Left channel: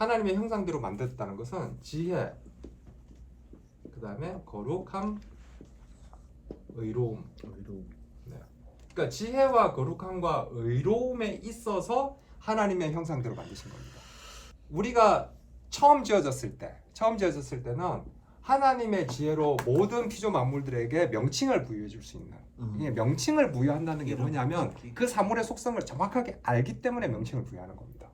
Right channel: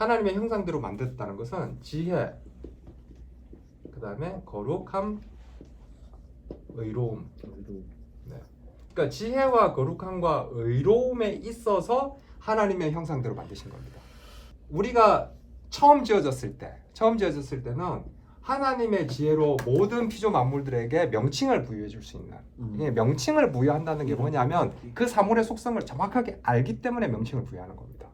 하나님의 형상대로 만들었다는 것은 지혜, 그 다음에 거룩함, 의로움. 네. 그러니까 지혜와 거룩함과 의로움에 있어서 하나님의 형상대로 만드신 겁니다. 우리가 처음 지어졌을 때는 하나님의 지혜로 모든 피조 만물들에게 명칭을 부여해 줄 수 있는, 이게 명칭을 부여한다는 게 뭐냐면 그 사물의 속성을 정확하게 알기 때문에 명칭을 부여하는 겁니다.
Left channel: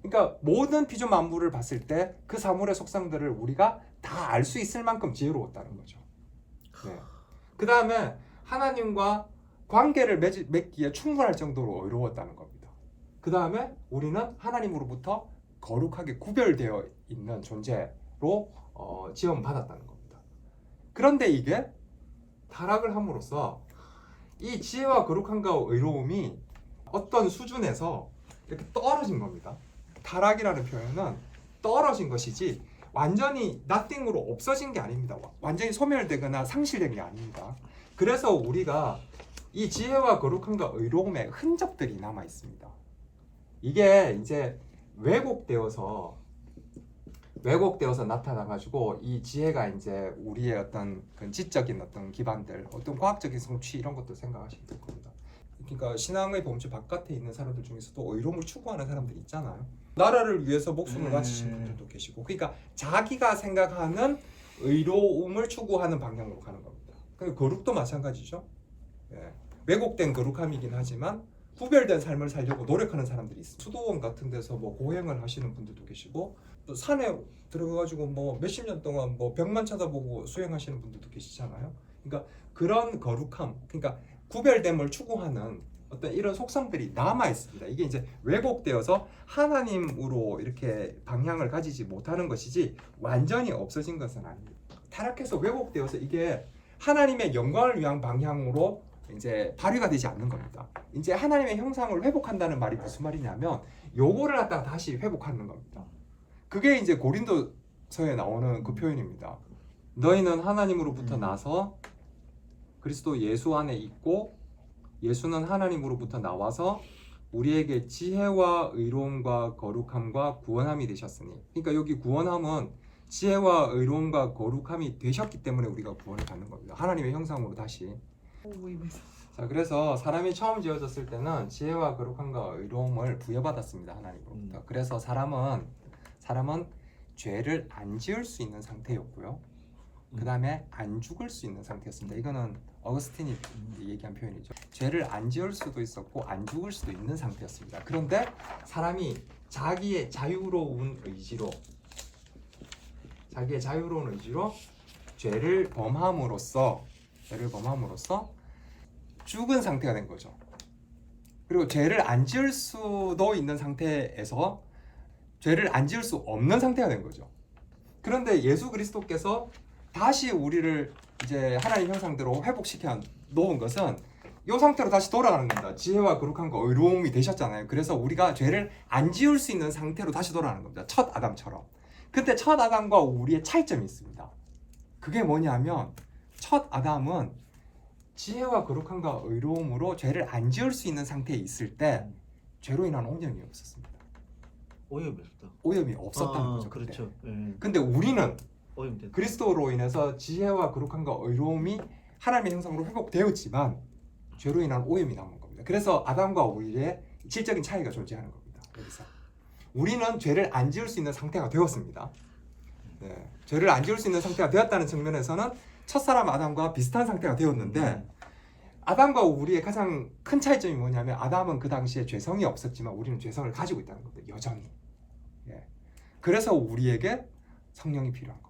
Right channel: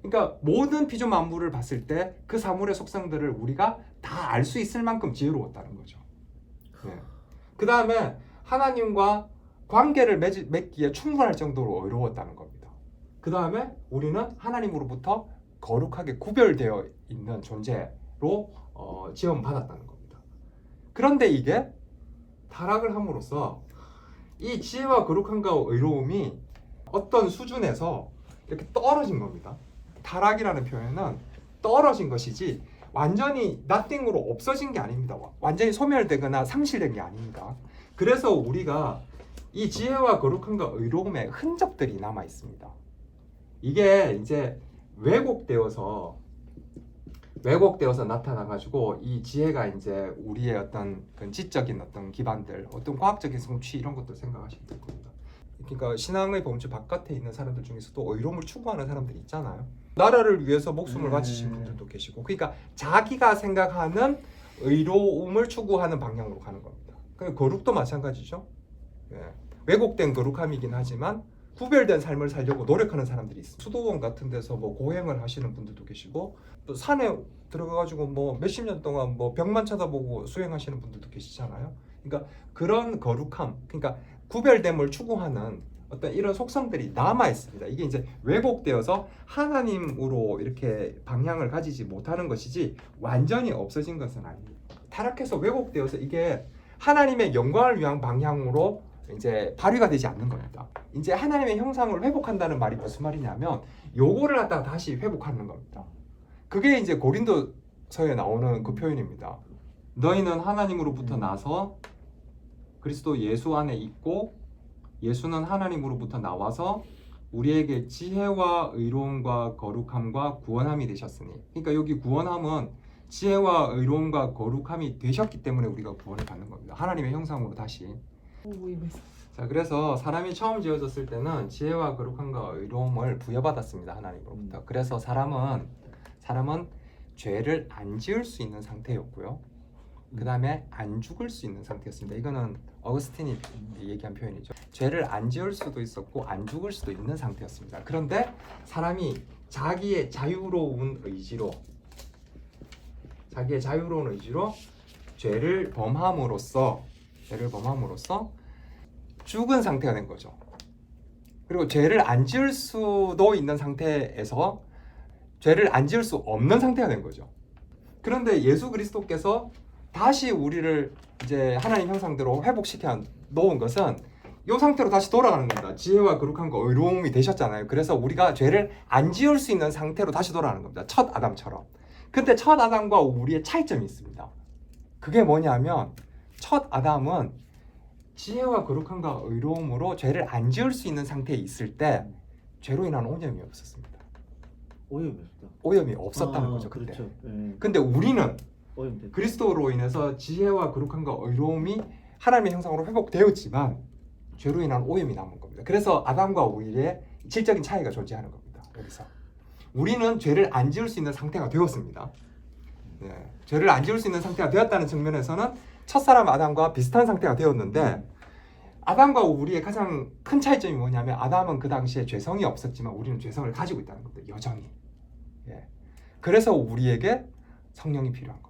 그러니까 모든 피조 만물을 봤을 때 그 사물의 속성들을 우리가 다 알 수 있을 만큼 지혜로웠다는 거죠. 네. 그 다음에 하나님과 관계를 맺기에 충분할 정도로 의로웠다는 겁니다. 그 다음에 우리는 하나님으로부터 거룩하게 구별되어 있는 존재로 지원받았다는 겁니다. 그런데 이게 타락을 함으로써 이 지혜와 거룩함과 의로움이 어떤 수준에서 이렇게 떨어진 겁니다. 타락이라는 표현은 떨어진 것이지 완전히 nothing으로 없어진 게 아닙니다. 완전히 소멸되거나 상실된 게 아닙니다. 그래서 우리가 이 지혜와 거룩함과 의로움의 흔적들이 남아 있습니다. 이게 이제 왜곡되어서 나타나가지고 이 지혜가 이제 우리의 어떤 그 지적인 어떤 기반들, 어떤 과학적인 성취 이런 것도 생각하시면 될 겁니다. 그러니까 신앙의 범주 바깥에 있는 사람들 중에서도 의로움을 추구하는 사람들이 있잖아요. 나라를 위해서 목숨을 바치신 분들도 계시고, 그러니까 자기가 생각하는 의로움을 추구하는 방향으로 가는 겁니다. 거룩도 마찬가지죠. 네. 왜곡된 거룩함이긴 하지만 구별된 삶을 살려고 노력하는 사람들이 있어요. 수도원 같은 데서 뭐 고행을 하시는 분들도 계시고, 또 산에 들어가가지고 뭐 몇십 년 동안 뭐 벽만 쳐다보고 수행하시는 분들도 계시잖아요. 그러니까 그런 거룩함, 그러니까 구별됨을 추구하는 어떤 이런 속성들이 남아 있습니다. 이게 이제 왜곡되어서 하나님으로 이렇게 방향을 가지지 못하는 것이지 완전히 없어진 것은 아닙니다. 타락해서 왜곡되어서 이게 하나님의 영광을 위한 방향으로 이제 발휘가 되지 않는 겁니다. 이제 하나님의 형상을 회복한다는 말이 무슨 말이냐면 요거를 갖다가 다시 회복하는 겁니다. 그게 이제 고린도서에 나오는 그 표현입니다. 너희는 하나님으로부터 나서 그리스도 예수 안에 있고 예수는 하나님으로부터 나와서 우리에게 지혜와 의로움과 거룩함과 구원함이 되셨으니, 그러니까 여기 구원함은 지혜와 의로움과 거룩함이 되셨기 때문에 우리가 구원을 받는 겁니다. 하나님의 형상으로 다시. 자, 그래서 사람이 처음 지어졌을 때는 지혜와 거룩함과 의로움을 부여받았습니다. 하나님으로부터. 그래서 사람은 죄를 안 지을 수 있는 상태였고요. 그 다음에 안 죽을 수 있는 상태였습니다. 이거는 어거스틴이 얘기한 표현이죠. 죄를 안 지을 수도 있었고 안 죽을 수도 있는 상태였습니다. 그런데 사람이 자기의 자유로운 의지로 죄를 범함으로써 죽은 상태가 된 거죠. 그리고 죄를 안 지을 수도 있는 상태에서 죄를 안 지을 수 없는 상태가 된 거죠. 그런데 예수 그리스도께서 다시 우리를 이제 하나님 형상대로 회복시켜 놓은 것은 이 상태로 다시 돌아가는 겁니다. 지혜와 거룩함과 의로움이 되셨잖아요. 그래서 우리가 죄를 안 지을 수 있는 상태로 다시 돌아가는 겁니다. 첫 아담처럼. 근데 첫 아담과 우리의 차이점이 있습니다. 그게 뭐냐면 첫 아담은 지혜와 거룩함과 의로움으로 죄를 안 지을 수 있는 상태에 있을 때 죄로 인한 오염이 없었습니다. 오염이 없었다는 거죠. 그때. 그렇죠. 근데 우리는 그리스도로 인해서 지혜와 거룩함과 의로움이 하나님의 형상으로 회복되었지만 죄로 인한 오염이 남은 겁니다. 그래서 아담과 우리의 질적인 차이가 존재하는 겁니다. 여기서 우리는 죄를 안 지을 수 있는 상태가 되었습니다. 네. 죄를 안 지을 수 있는 상태가 되었다는 측면에서는 첫사람 아담과 비슷한 상태가 되었는데, 아담과 우리의 가장 큰 차이점이 뭐냐면 아담은 그 당시에 죄성이 없었지만 우리는 죄성을 가지고 있다는 겁니다. 여전히. 예. 그래서 우리에게 성령이 필요한 겁니다.